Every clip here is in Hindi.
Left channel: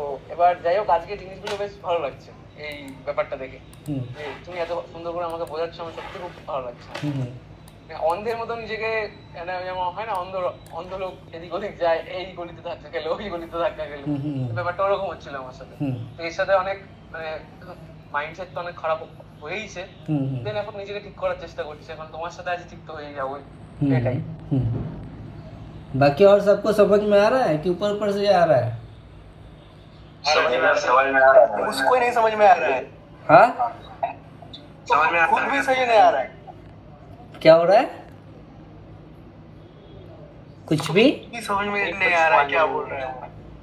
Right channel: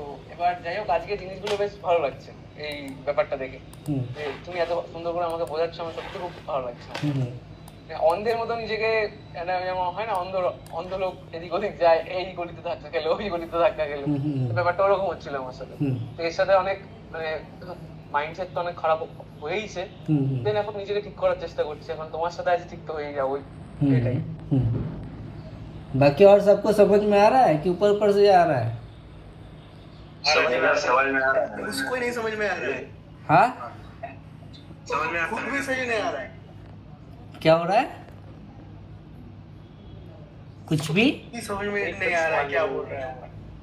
তো এবার যাই হোক, আজকে জিনিসগুলো বেশ ভালো লাগছে এই ব্যাপারটা দেখে, যে তুমি এত সুন্দর করে আমাকে বোঝাচ্ছ, আমার সত্যি খুব ভালো লাগছে। অন্ধের মতো নিজেকে, যেমন হয় না, অন্ধ অন্ধ লোক এদিক ওদিক যায়, এই গলিতে ধাক্কা খেলো, ওই গলিতে ধাক্কা খেলো, ব্যাপারটা ওরকম হচ্ছিল আমার সাথে। তো এর সাথে অনেক মানে মাইন্ডসেট তো অনেক খারাপ হয়েইছে, দেন এখন নিজেকে ঠিক করার চেষ্টা করছি। এখন তোমার সাথে আজ ঠিক তো হয়ে যাবো, এটাই। बाकी और सबको समझ में आ रहा है कि ऊपर ऊपर से आ रहा है? समझ में आ रहा है, उसको ही नहीं समझ में आ रहा है। हाँ, समझ में खुद भी सही नहीं आ रहा है। क्या हो रहा है? कुछ भी समझ में नहीं आ रहा है, क्या बोल रहे हैं?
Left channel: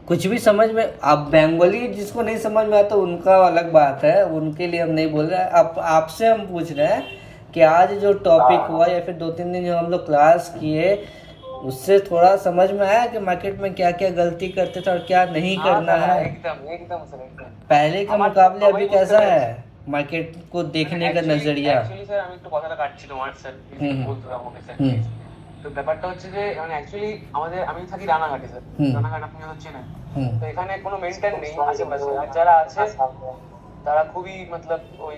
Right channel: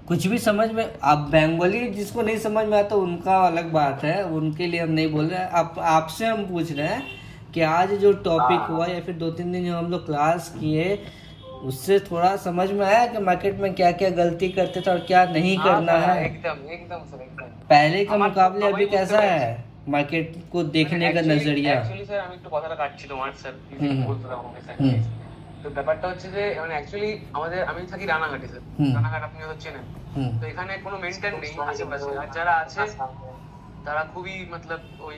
कुछ भी समझ में। अब बंगाली जिसको नहीं समझ में आता उनका अलग बात है, उनके लिए हम नहीं बोल रहे हैं। अब आपसे हम पूछ रहे हैं कि आज जो टॉपिक हुआ या फिर 2-3 दिन जो हम लोग क्लास किए, उससे थोड़ा समझ में आया कि मार्केट में क्या क्या गलती करते थे और क्या नहीं करना है। एकदम एकदम सर, एकदम। पहले के मुकाबले अभी कैसा है मार्केट को देखने का नजरिया? एक्चुअली স্যার, আমি একটু কথাটা কাটছি তোমার, স্যার বলতে দাও আমাকে স্যার। তো ব্যাপারটা হচ্ছে যে মানে অ্যাকচুয়ালি আমি থাকি রানাঘাটে স্যার। রানাঘাট আপনি হয়তো চেনেন। তো এখানে কোনো মেইনটেইন নেই আশেপাশে, আর যারা আছে তারা খুবই মতলব ওই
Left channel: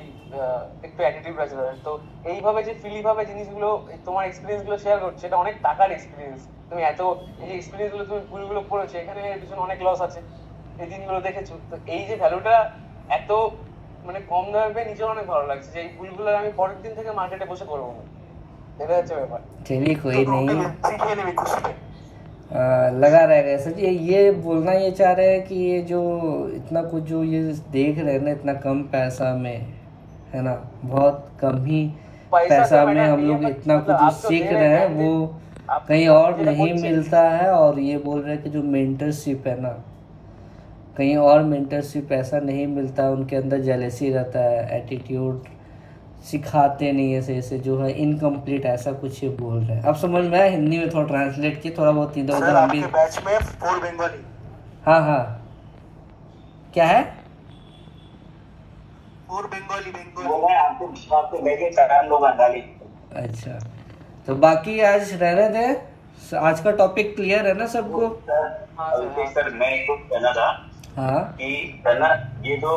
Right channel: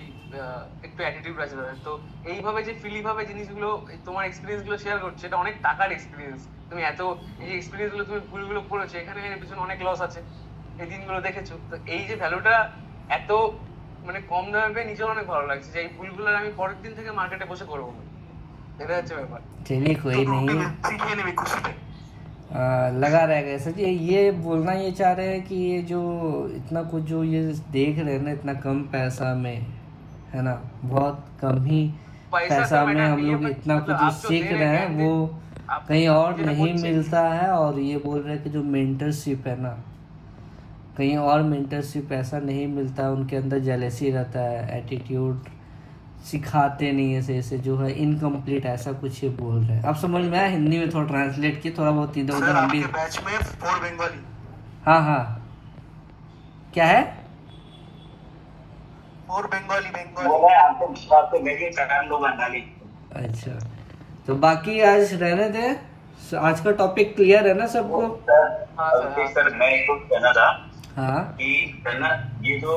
একটু অ্যাটিটিউড আছে তাদের। তো এইভাবে যে ফ্রি ভাবে জিনিসগুলো, তোমার এক্সপিরিয়েন্স গুলো শেয়ার করছে, এটা অনেক টাকার এক্সপিরিয়েন্স। তুমি এত এই যে এক্সপিরিয়েন্স গুলো তুমি ভুলগুলো করেছো, এখানে এর পিছনে অনেক লস আছে, এই দিনগুলো দেখেছো। তো এই যে ভ্যালুটা এত মানে কম দামে পেয়ে নিজের অনেক ভালো লাগছে, যে এই ভুলগুলো আমি পরের দিন থেকে মার্কেটে বসে করবো না। এটা হচ্ছে ব্যাপার। चलिए कोई नहीं, लगा रहेगा ऐसे। ये बोलना ये चाह रहे हैं कि ये जो इतना कुछ जो ये देख रहे हैं ना, इतना कम पैसा में, है ना, बहुत कम ही पैसा में हम लोग इतना कुछ जो सीख रहे हैं वो कहीं और नहीं मिलता है। और ये बोल रहे हैं कि जो मेंटरशिप है ना, कहीं और मेंटरशिप ऐसा नहीं मिलता है। उनके अंदर जेलेसी रहता है, एटीट्यूड, सिखाते नहीं है सही से, जो है इनकम्प्लीट, ऐसा कुछ ये बोल रहे हैं। अब समझ में आया, हिंदी में थोड़ा ट्रांसलेट किए, थोड़ा बहुत इधर उधर हम भी। बैच में 4 बंगाली। हाँ हाँ, क्या है? 4 बंगाली आपको लेके दो बंगाली। अच्छा, तो बाकी आज रहने दे। आज का टॉपिक क्लियर है ना सबको? सर मैं एक कहना था हाँ कि ना, ये जो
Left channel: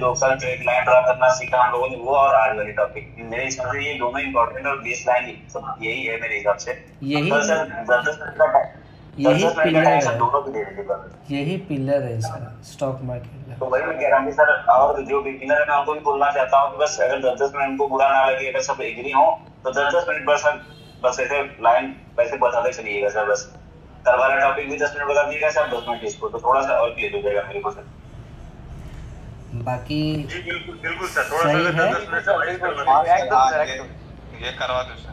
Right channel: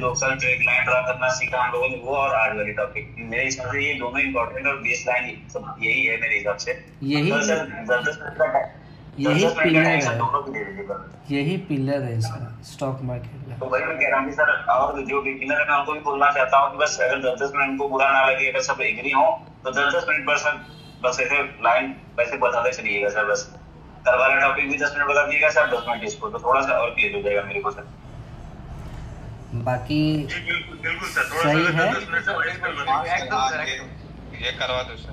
2 साल ट्रेड लाइन ड्रा करना सीखा हम लोगों ने, वो और आज वाली टॉपिक, मेरे हिसाब से ये दोनों इम्पोर्टेंट और बेस लाइन सब यही है मेरे हिसाब से। यही तो सर 10 मिनट का यही पिलर है इसका स्टॉक मार्केट का। तो वही मैं कह रहा हूँ सर, और जो बिगिनर है मैं उनको भी बोलना चाहता हूँ कि बस अगर 10 मिनट उनको बुरा ना लगे, अगर सब एग्री हो तो 10 मिनट बस ऐसे लाइन वैसे बताते चलिएगा सर। बस कल वाला टॉपिक भी 10 मिनट बता दीजिएगा सर, 10 मिनट इसको, तो थोड़ा सा और क्लियर हो जाएगा मेरे को सर। बाकी जी बिल्कुल सर, थोड़ा सा 10 मिनट ये करवा दो सर।